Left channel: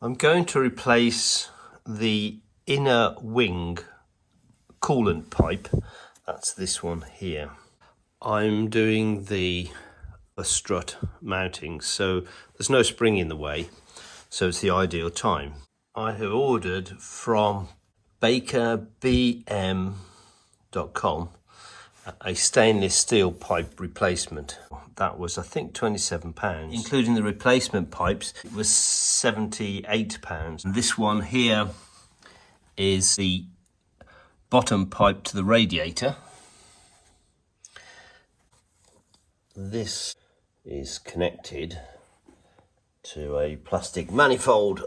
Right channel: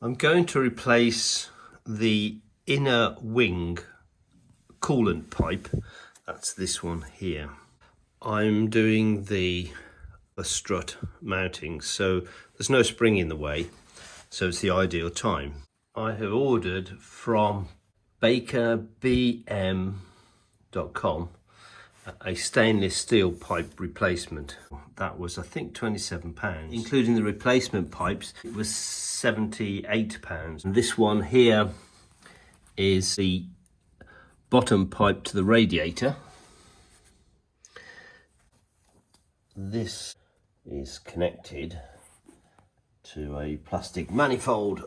I'm going to replace the inner wing coolant pipe. That's this one here. I'm doing the strut mounting, so there's no spring in the way, so it's the ideal time. I have ordered from bakerbm.com a stainless steel pipe replacement. That was, I think, £27. Including the replacement pipes, it was £78. And this one here is the bottom pipe to the radiator. This is connected to a plastic manifold.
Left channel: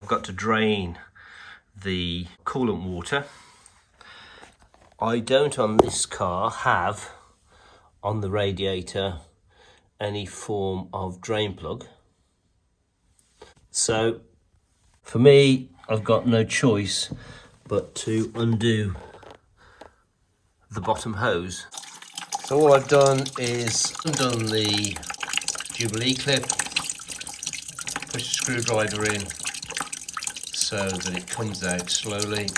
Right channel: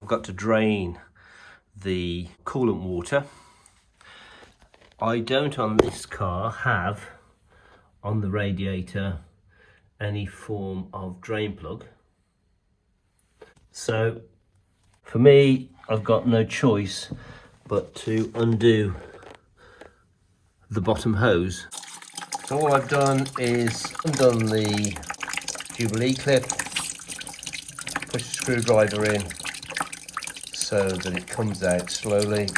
I've got to drain the coolant water. I don't on this car have on the radiator any form of drain plug. So for me, I've got no choice but to undo the bottom hose. So all I've done is undone the Jubilee clip, push the screwdriver in so that it comes out slowly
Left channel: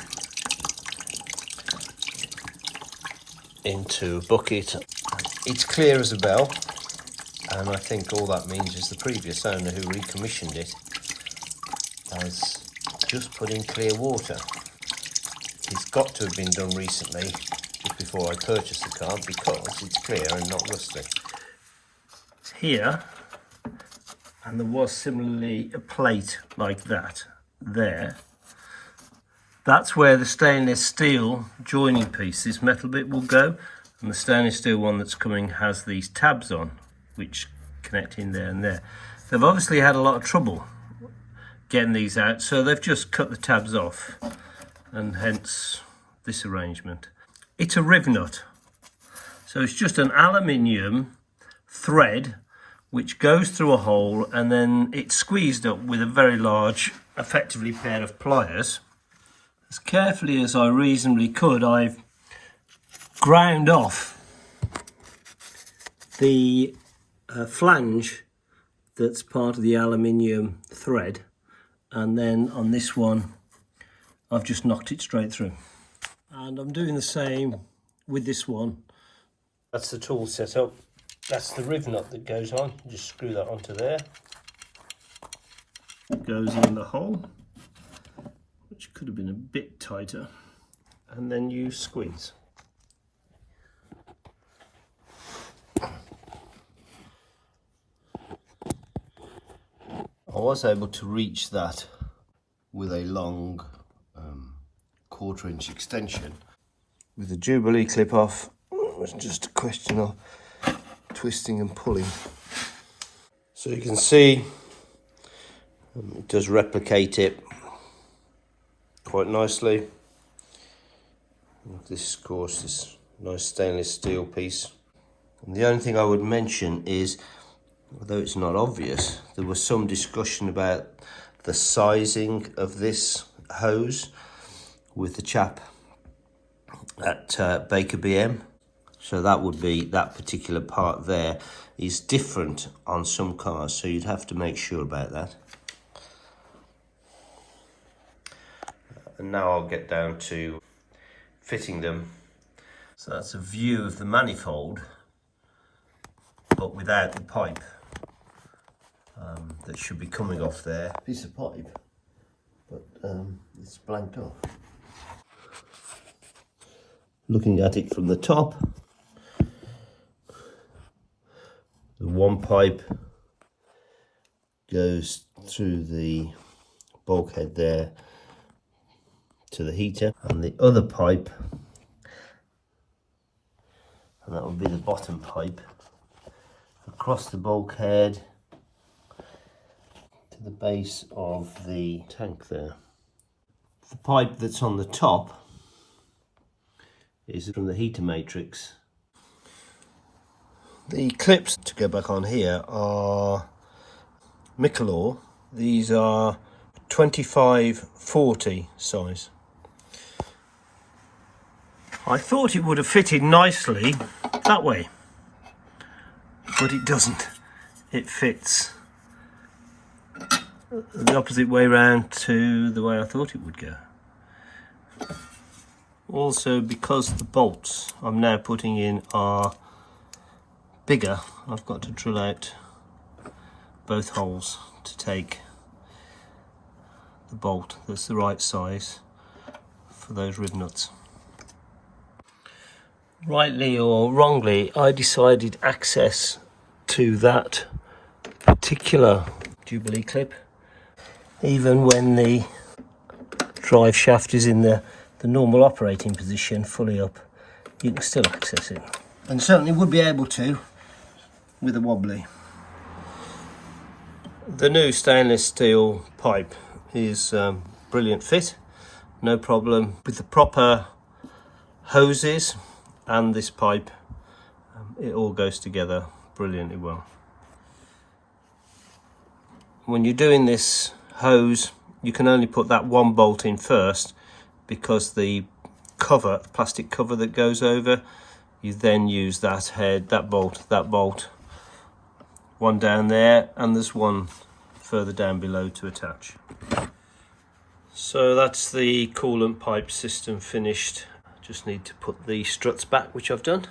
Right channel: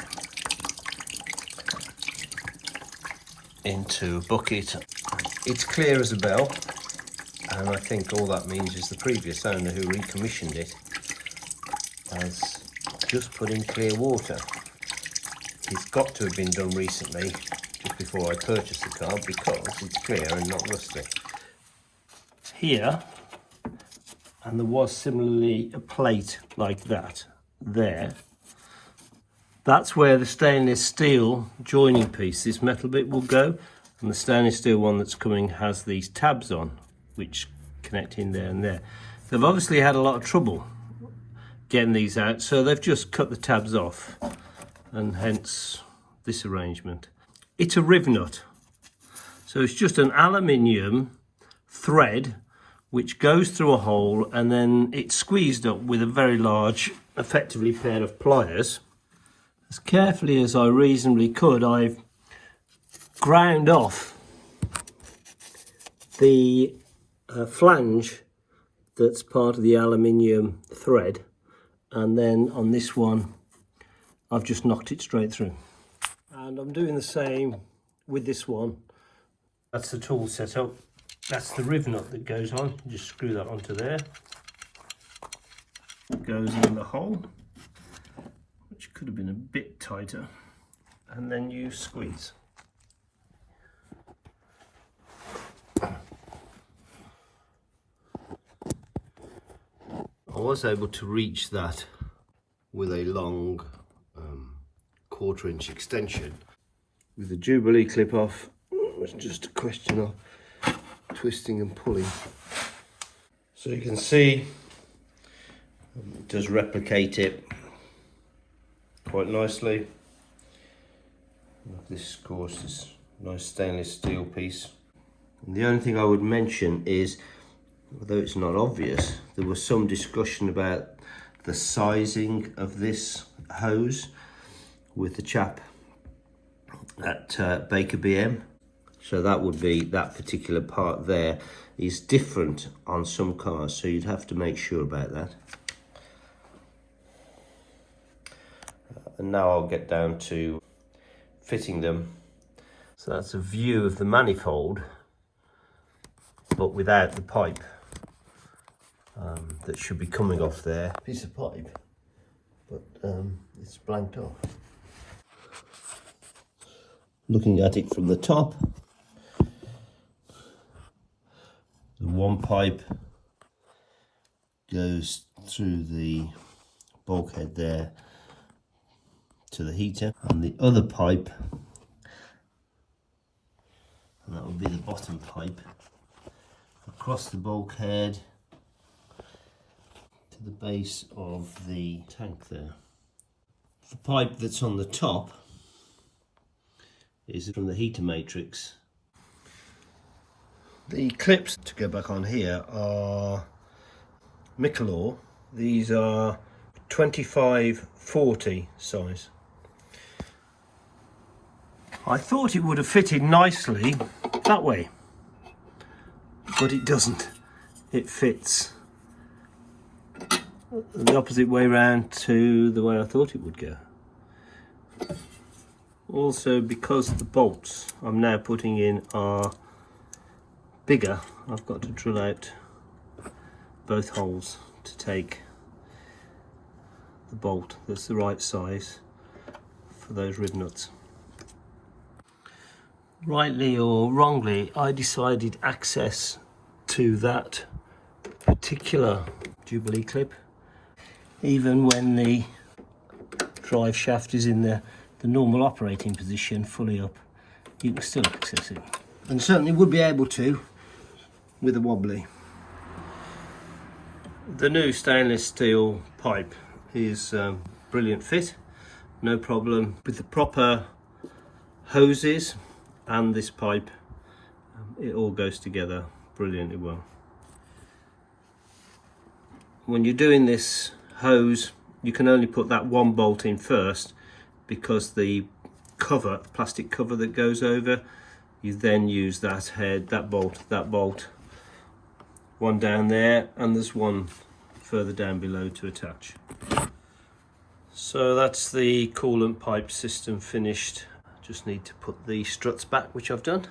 into a bucket. It's clear as a bell, and I think all that means is the previous owner who recommissioned it has just put in clear water. It's got to have been done recently, just before I purchased the car, because it's clear and not rusty. Here, and there was similarly a plate like that there. That's where the stainless steel joining piece, this metal bit, will go, and the stainless steel one that's coming has these tabs on which connect in there and there. They've obviously had a lot of trouble getting these out, so they've just cut the tabs off, and hence this arrangement. It's a riv nut, so it's just an aluminium thread which goes through a hole, and then it's squeezed up with a very large, effectively, pair of pliers. As carefully as I reasonably could, I've ground off the flange that's part of the aluminium thread, and then on this one I've just knocked it straight through. And I'm doing the same with this one. That's the tool set up. That's the riv nut that goes on. You just screw that onto there. It goes in the hole, which could have been a bit tighter, and then you squeeze. I was able to reach that with a long 1/4 inch extension. With the Jubilee clip off, it was just a question of twisting and pulling. So you can see it does replicate it quite nicely. This, of course, is a nice stainless steel piece. And the only thing I would mention is, although it's not obvious, there was some discussion about the sizing of this hose with the chap at Baker BM. So that would be, that particular part there is different on some cars, so you'd have to make sure about that. And now I'll get down to fitting them. So that's a view of the manifold, but without the pipe that should be coming off there. Piece of pipe, but it's blanked off. Looking at it from the top, the one pipe goes through the bulkhead there to the heater, and the other pipe, and that will be the bottom pipe, across the bulkhead to the base of the tank there. The pipe that's on the top is from the heater matrix. The clips to go back on here are Michelor. These are 25/40 size. I thought it would have fitted nicely that way, but it doesn't. It fits the opposite way round to the way I thought it would go. Also, because the bolts I'm now putting in are bigger, I've got to drill out both holes to take the bolt that's the right size for those rib nuts. Rightly or wrongly, I decided access to that particular Jubilee clip, even when the drive shaft is in the normal operating position, fully up, you can still access it. And certainly would be able to with a wobbly. The new stainless steel pipe is brilliant fit, no problem. With the proper hoses and this pipe, it all goes together brilliantly well. When you're doing this hose, you can only put that one bolt in first, because the cover, the plastic cover that goes over, you then use that head, that bolt, one down there, and there's one further down below to attach. So that's the coolant pipe system finished. Just need to put the struts back, which I've done.